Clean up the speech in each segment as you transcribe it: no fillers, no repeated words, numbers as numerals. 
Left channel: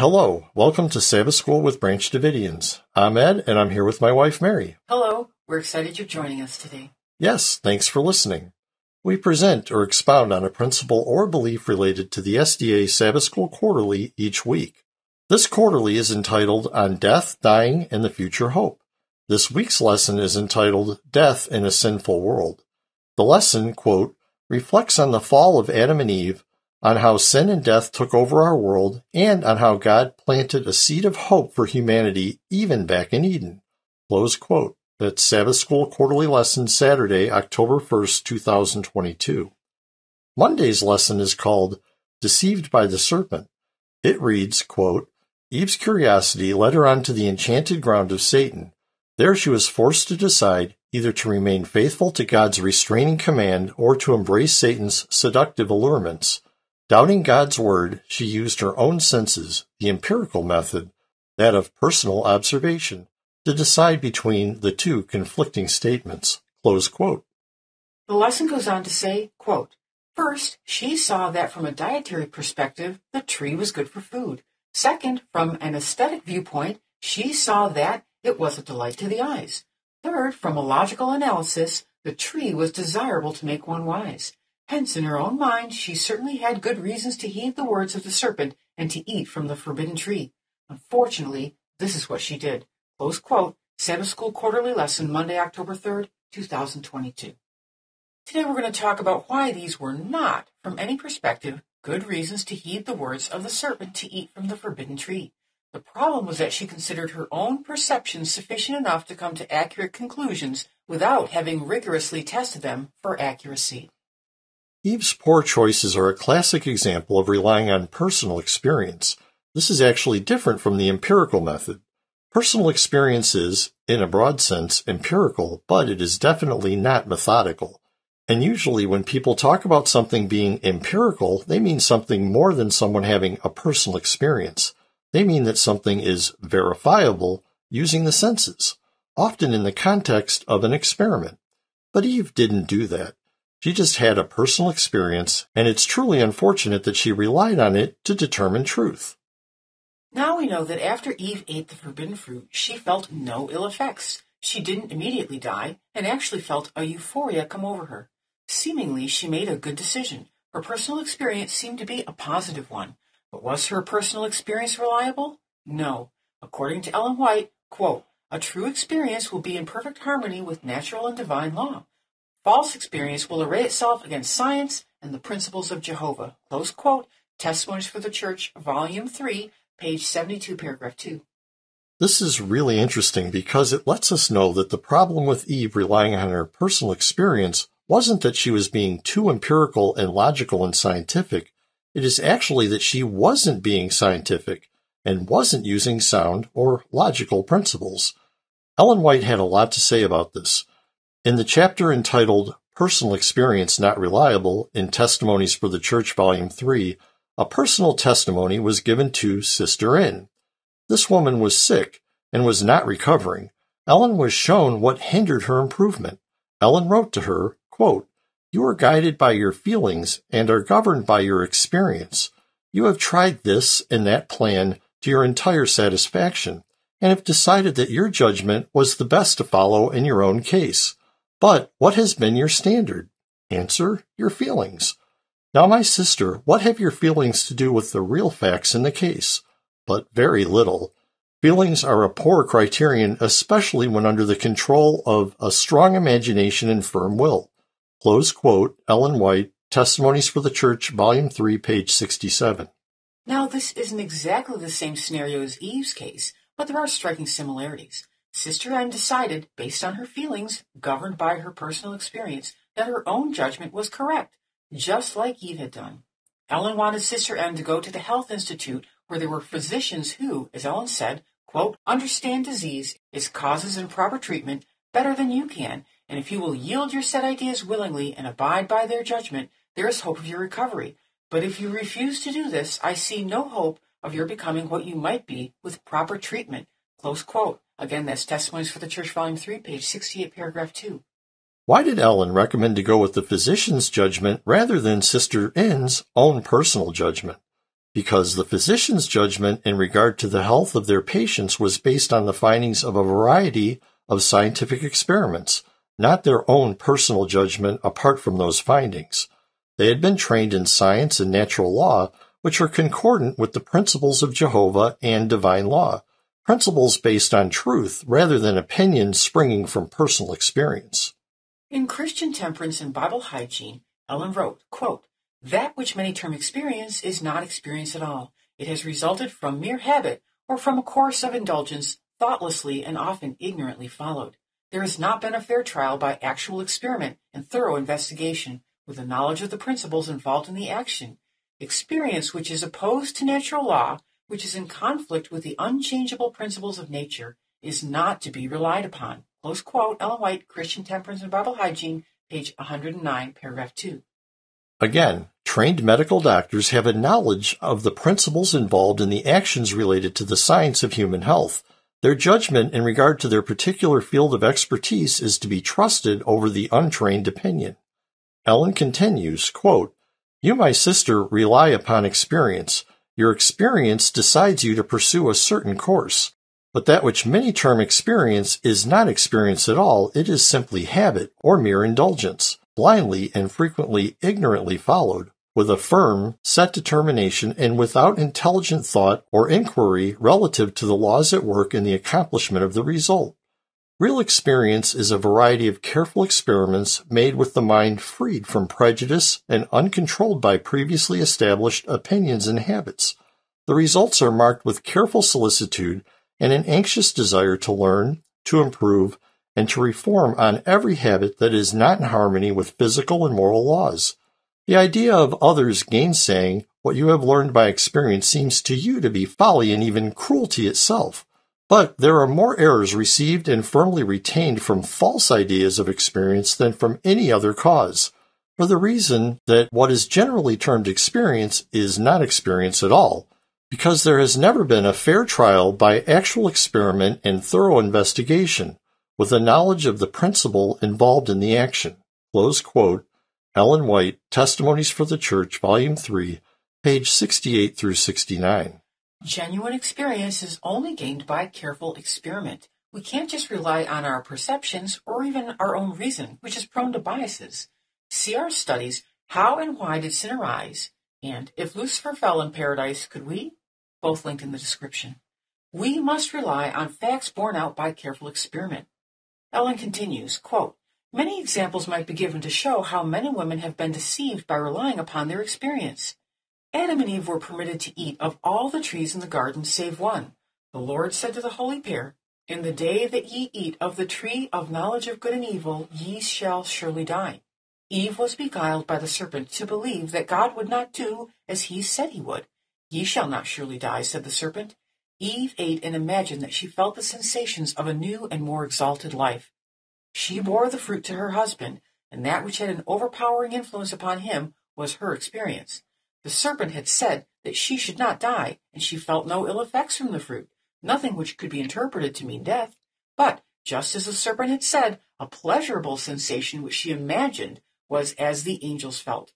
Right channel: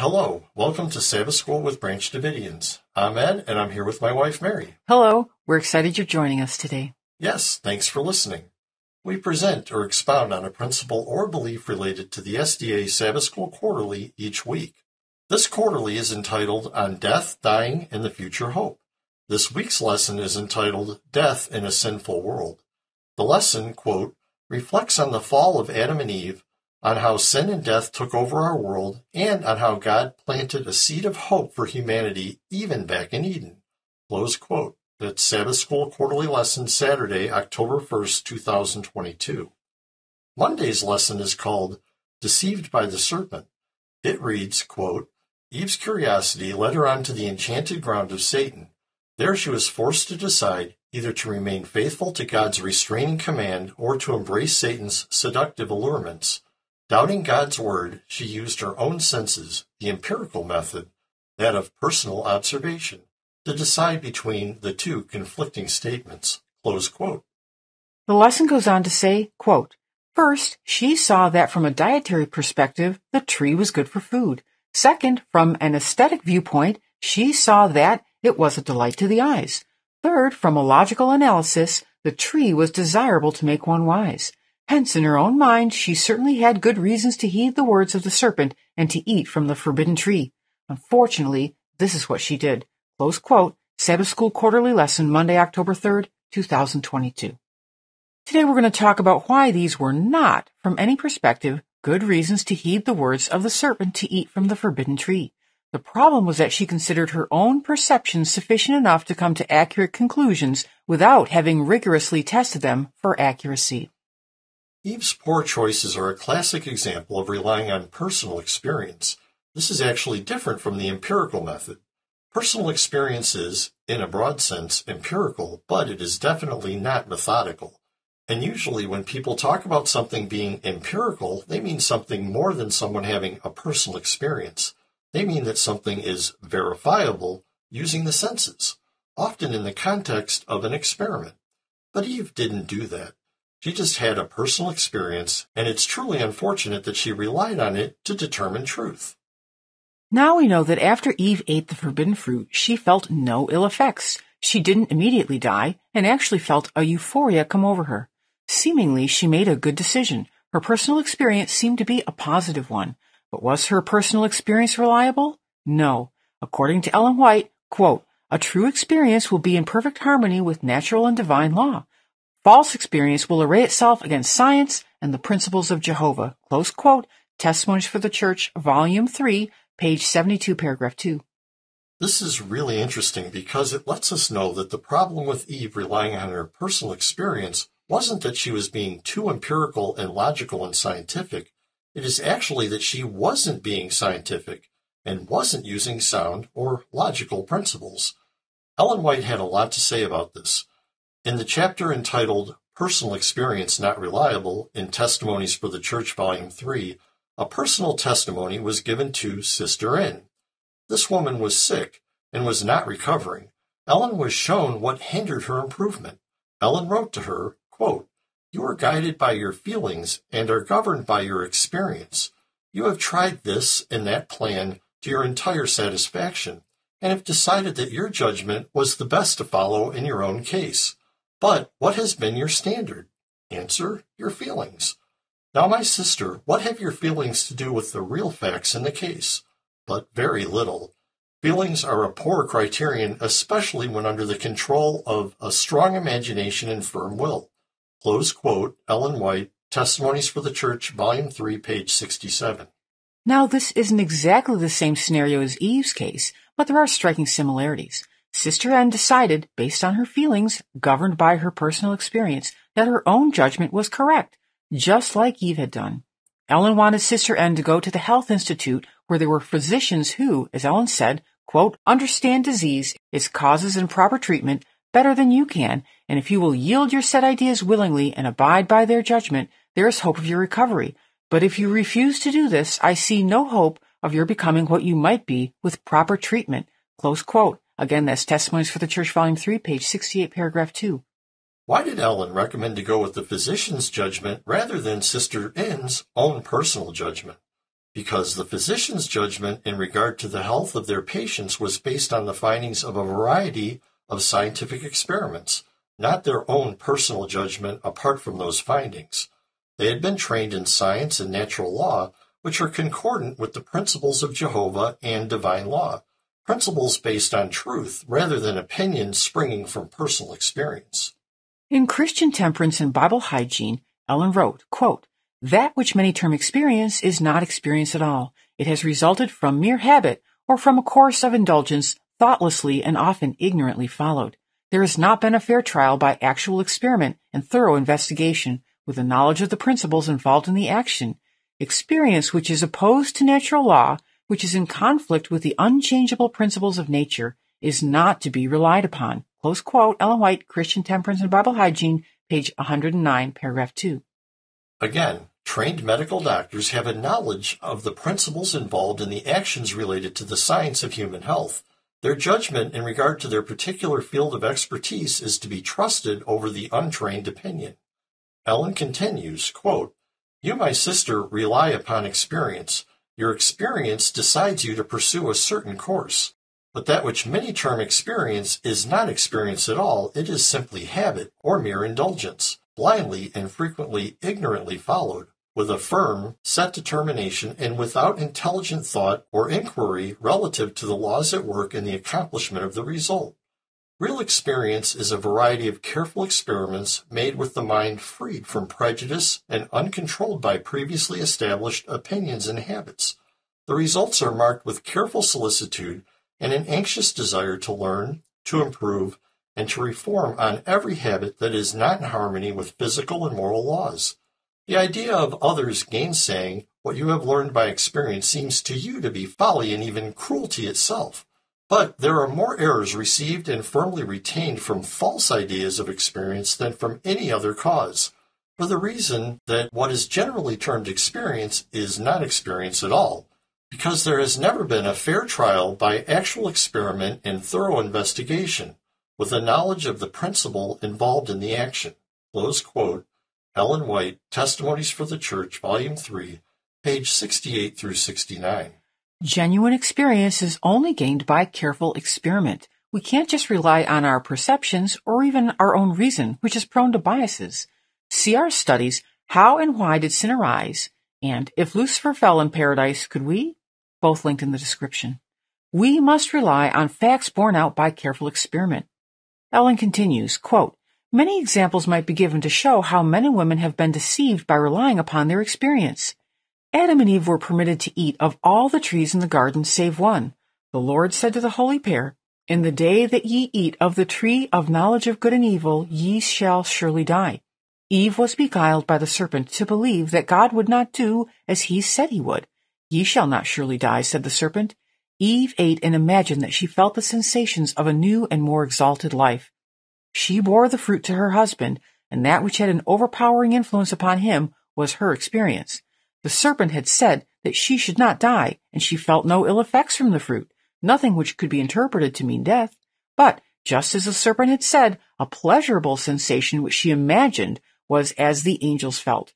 Hello, welcome to Sabbath School with Branch Davidians. I'm Ed, and I'm here with my wife, Mary. Hello, we're excited you're joining us today. Yes, thanks for listening. We present or expound on a principle or belief related to the SDA Sabbath School Quarterly each week. This quarterly is entitled On Death, Dying, and the Future Hope. This week's lesson is entitled Death in a Sinful World. The lesson, quote, reflects on the fall of Adam and Eve, on how sin and death took over our world, and on how God planted a seed of hope for humanity even back in Eden. Close quote. That's Sabbath School Quarterly Lesson, Saturday, October 1st, 2022. Monday's lesson is called Deceived by the Serpent. It reads, quote, Eve's curiosity led her onto the enchanted ground of Satan. There she was forced to decide either to remain faithful to God's restraining command or to embrace Satan's seductive allurements. Doubting God's word, she used her own senses, the empirical method, that of personal observation, to decide between the two conflicting statements. Close quote. The lesson goes on to say, quote, first, she saw that from a dietary perspective, the tree was good for food. Second, from an aesthetic viewpoint, she saw that it was a delight to the eyes. Third, from a logical analysis, the tree was desirable to make one wise. Hence, in her own mind, she certainly had good reasons to heed the words of the serpent and to eat from the forbidden tree. Unfortunately, this is what she did. Close quote, Sabbath School Quarterly Lesson, Monday, October 3rd, 2022. Today we're going to talk about why these were not, from any perspective, good reasons to heed the words of the serpent to eat from the forbidden tree. The problem was that she considered her own perceptions sufficient enough to come to accurate conclusions without having rigorously tested them for accuracy. Eve's poor choices are a classic example of relying on personal experience. This is actually different from the empirical method. Personal experience is, in a broad sense, empirical, but it is definitely not methodical. And usually when people talk about something being empirical, they mean something more than someone having a personal experience. They mean that something is verifiable using the senses, often in the context of an experiment. But Eve didn't do that. She just had a personal experience, and it's truly unfortunate that she relied on it to determine truth. Now we know that after Eve ate the forbidden fruit, she felt no ill effects. She didn't immediately die, and actually felt a euphoria come over her. Seemingly, she made a good decision. Her personal experience seemed to be a positive one. But was her personal experience reliable? No. According to Ellen White, quote, a true experience will be in perfect harmony with natural and divine law. False experience will array itself against science and the principles of Jehovah. Close quote, Testimonies for the Church, Volume 3, page 72, paragraph 2. This is really interesting because it lets us know that the problem with Eve relying on her personal experience wasn't that she was being too empirical and logical and scientific. It is actually that she wasn't being scientific and wasn't using sound or logical principles. Ellen White had a lot to say about this. In the chapter entitled Personal Experience Not Reliable in Testimonies for the Church, Volume 3, a personal testimony was given to Sister N. This woman was sick and was not recovering. Ellen was shown what hindered her improvement. Ellen wrote to her, quote, you are guided by your feelings and are governed by your experience. You have tried this and that plan to your entire satisfaction and have decided that your judgment was the best to follow in your own case. But what has been your standard? Answer, your feelings. Now, my sister, what have your feelings to do with the real facts in the case? But very little. Feelings are a poor criterion, especially when under the control of a strong imagination and firm will. Close quote, Ellen White, Testimonies for the Church, Volume 3, page 67. Now, this isn't exactly the same scenario as Eve's case, but there are striking similarities. Sister N decided, based on her feelings, governed by her personal experience, that her own judgment was correct, just like Eve had done. Ellen wanted Sister N to go to the Health Institute, where there were physicians who, as Ellen said, quote, understand disease, its causes and proper treatment better than you can, and if you will yield your set ideas willingly and abide by their judgment, there is hope of your recovery. But if you refuse to do this, I see no hope of your becoming what you might be with proper treatment. Close quote. Again, that's Testimonies for the Church, Volume 3, page 68, paragraph 2. Why did Ellen recommend to go with the physician's judgment rather than Sister N's own personal judgment? because the physician's judgment in regard to the health of their patients was based on the findings of a variety of scientific experiments, not their own personal judgment apart from those findings. They had been trained in science and natural law, which are concordant with the principles of Jehovah and divine law, principles based on truth rather than opinions springing from personal experience. In Christian Temperance and Bible Hygiene, Ellen wrote, quote, "That which many term experience is not experience at all. It has resulted from mere habit or from a course of indulgence thoughtlessly and often ignorantly followed. There has not been a fair trial by actual experiment and thorough investigation with a knowledge of the principles involved in the action. Experience which is opposed to natural law, which is in conflict with the unchangeable principles of nature, is not to be relied upon." Close quote, Ellen White, Christian Temperance and Bible Hygiene, page 109, paragraph 2. Again, trained medical doctors have a knowledge of the principles involved in the actions related to the science of human health. Their judgment in regard to their particular field of expertise is to be trusted over the untrained opinion. Ellen continues, quote, "You, my sister, rely upon experience. Your experience decides you to pursue a certain course. But that which many term experience is not experience at all, it is simply habit or mere indulgence, blindly and frequently ignorantly followed, with a firm, set determination and without intelligent thought or inquiry relative to the laws at work in the accomplishment of the result. Real experience is a variety of careful experiments made with the mind freed from prejudice and uncontrolled by previously established opinions and habits. The results are marked with careful solicitude and an anxious desire to learn, to improve, and to reform on every habit that is not in harmony with physical and moral laws. The idea of others gainsaying what you have learned by experience seems to you to be folly and even cruelty itself. But there are more errors received and firmly retained from false ideas of experience than from any other cause, for the reason that what is generally termed experience is not experience at all, because there has never been a fair trial by actual experiment and thorough investigation, with a knowledge of the principle involved in the action." Close quote, Ellen White, Testimonies for the Church, Volume 3, page 68 through 69. Genuine experience is only gained by careful experiment. We can't just rely on our perceptions or even our own reason, which is prone to biases. See our studies, How and Why Did Sin Arise? And If Lucifer Fell in Paradise, Could We? Both linked in the description. We must rely on facts borne out by careful experiment. Ellen continues, quote, "Many examples might be given to show how men and women have been deceived by relying upon their experience. Adam and Eve were permitted to eat of all the trees in the garden save one. The Lord said to the holy pair, 'In the day that ye eat of the tree of knowledge of good and evil, ye shall surely die.' Eve was beguiled by the serpent to believe that God would not do as he said he would. 'Ye shall not surely die,' said the serpent. Eve ate and imagined that she felt the sensations of a new and more exalted life. She bore the fruit to her husband, and that which had an overpowering influence upon him was her experience. The serpent had said that she should not die, and she felt no ill effects from the fruit, nothing which could be interpreted to mean death. But, just as the serpent had said, a pleasurable sensation which she imagined was as the angels felt.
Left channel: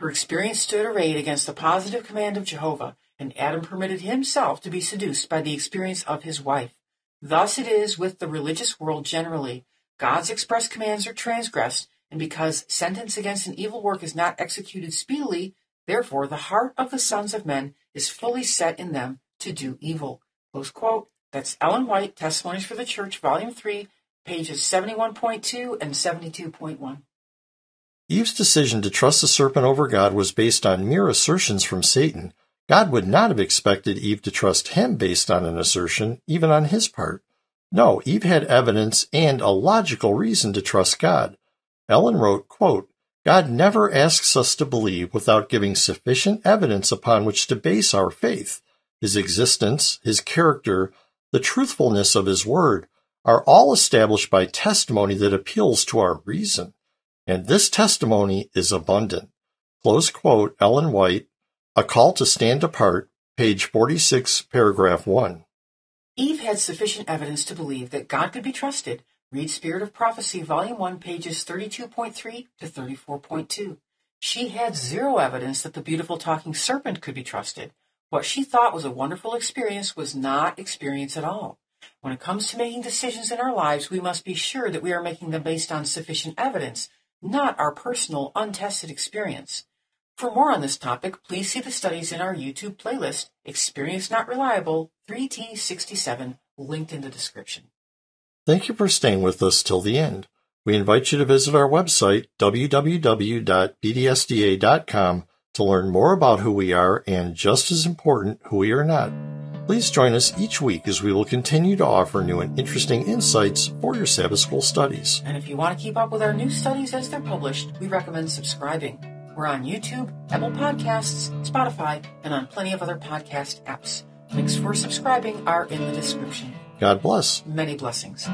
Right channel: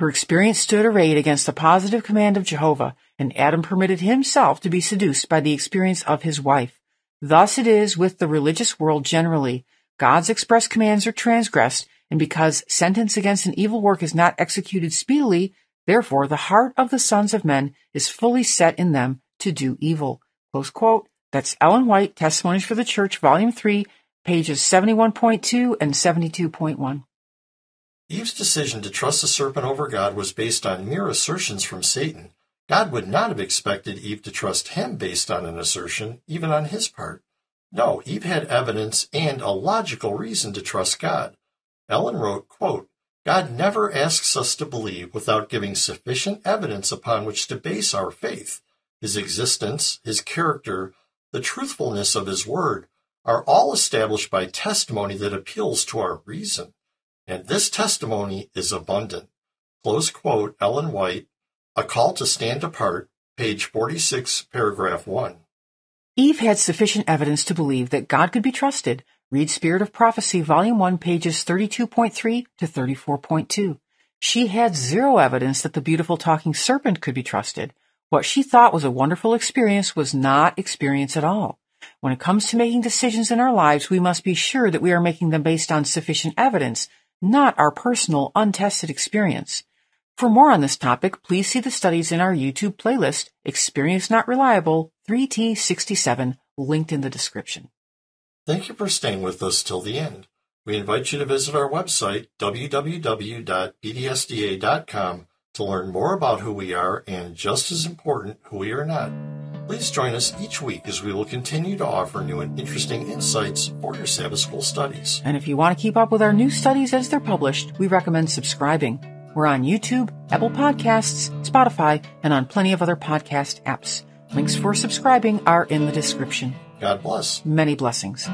Her experience stood arrayed against the positive command of Jehovah, and Adam permitted himself to be seduced by the experience of his wife. Thus it is with the religious world generally. God's express commands are transgressed, and because sentence against an evil work is not executed speedily, therefore the heart of the sons of men is fully set in them to do evil." Close quote. That's Ellen White, Testimonies for the Church, Volume 3, pages 71.2 and 72.1. Eve's decision to trust the serpent over God was based on mere assertions from Satan. God would not have expected Eve to trust him based on an assertion, even on his part. No, Eve had evidence and a logical reason to trust God. Ellen wrote, quote, "God never asks us to believe without giving sufficient evidence upon which to base our faith. His existence, his character, the truthfulness of his word are all established by testimony that appeals to our reason. And this testimony is abundant." Close quote, Ellen White, A Call to Stand Apart, page 46, paragraph 1. Eve had sufficient evidence to believe that God could be trusted. Read Spirit of Prophecy, Volume 1, pages 32.3 to 34.2. She had zero evidence that the beautiful talking serpent could be trusted. What she thought was a wonderful experience was not experience at all. When it comes to making decisions in our lives, we must be sure that we are making them based on sufficient evidence, not our personal, untested experience. For more on this topic, please see the studies in our YouTube playlist, Experience Not Reliable 3T67, linked in the description. Thank you for staying with us till the end. We invite you to visit our website, www.bdsda.com, to learn more about who we are and, just as important, who we are not. Please join us each week as we will continue to offer new and interesting insights for your Sabbath School studies. And if you want to keep up with our new studies as they're published, we recommend subscribing. We're on YouTube, Apple Podcasts, Spotify, and on plenty of other podcast apps. Links for subscribing are in the description. God bless. Many blessings.